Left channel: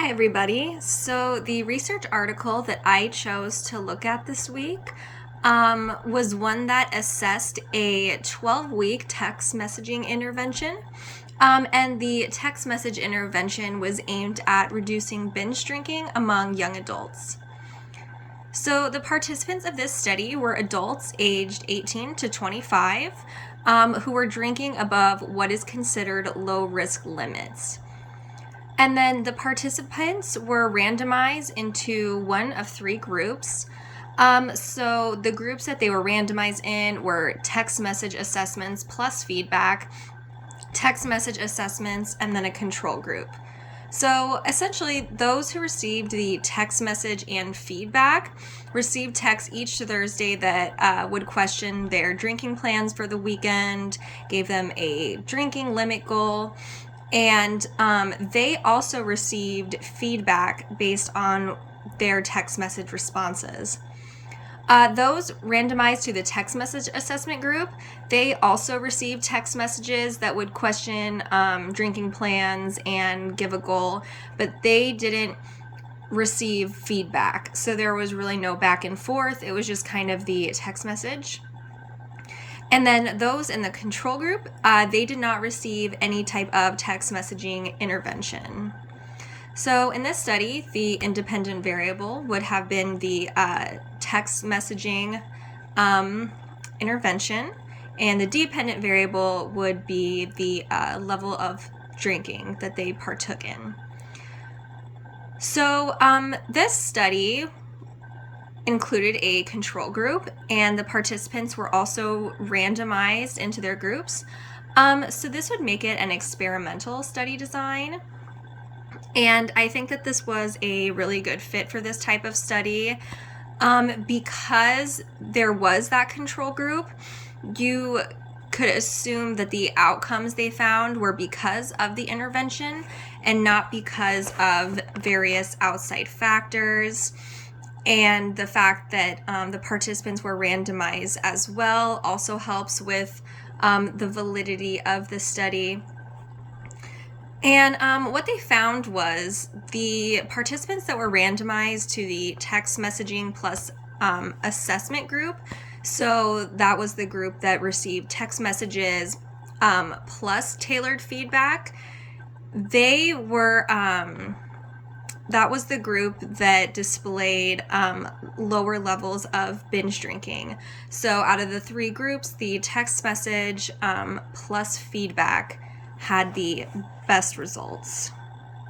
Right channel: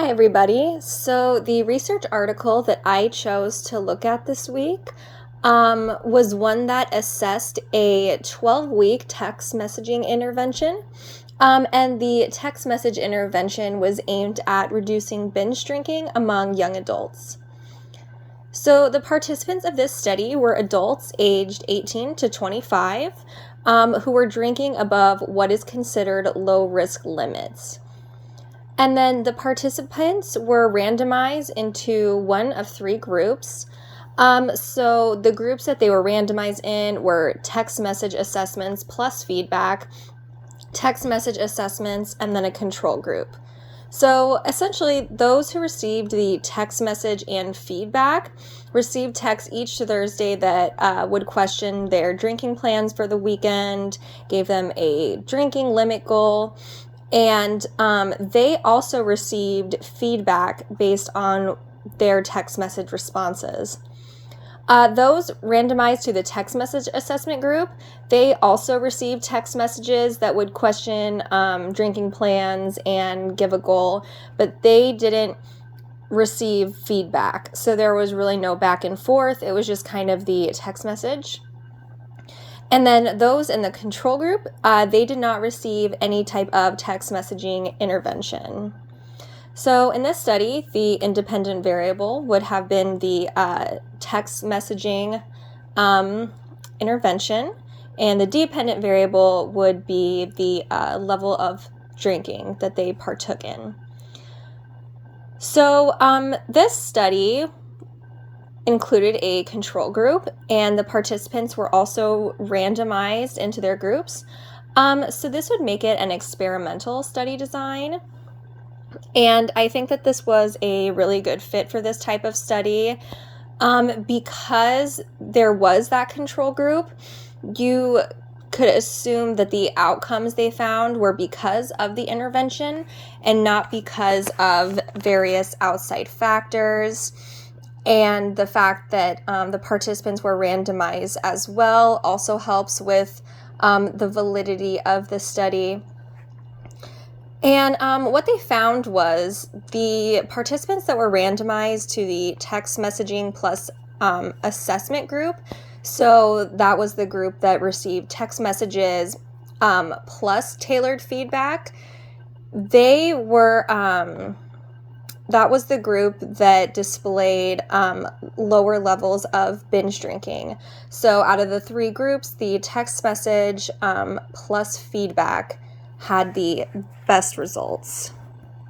Hi, everybody. So, the research article that I chose to look at this week was one that assessed a 12-week text messaging intervention. And the text message intervention was aimed at reducing binge drinking among young adults. So, the participants of this study were adults aged 18 to 25 who were drinking above what is considered low risk limits. And then the participants were randomized into one of three groups. So the groups that they were randomized in were text message assessments plus feedback, text message assessments, and then a control group. So essentially, those who received the text message and feedback received texts each Thursday that would question their drinking plans for the weekend, gave them a drinking limit goal, and they also received feedback based on their text message responses. Those randomized to the text message assessment group, they also received text messages that would question drinking plans and give a goal, but they didn't receive feedback. So there was really no back and forth. It was just kind of the text message. And then those in the control group, they did not receive any type of text messaging intervention. So in this study, the independent variable would have been the text messaging intervention, and the dependent variable would be the level of drinking that they partook in. So this study included a control group, and the participants were also randomized into their groups. So this would make it an experimental study design. And I think that this was a really good fit for this type of study because there was that control group. You could assume that the outcomes they found were because of the intervention and not because of various outside factors. And the fact that the participants were randomized as well also helps with the validity of the study. And what they found was the participants that were randomized to the text messaging plus assessment group, so that was the group that received text messages plus tailored feedback, they were that was the group that displayed lower levels of binge drinking. So out of the three groups, the text message plus feedback had the best results.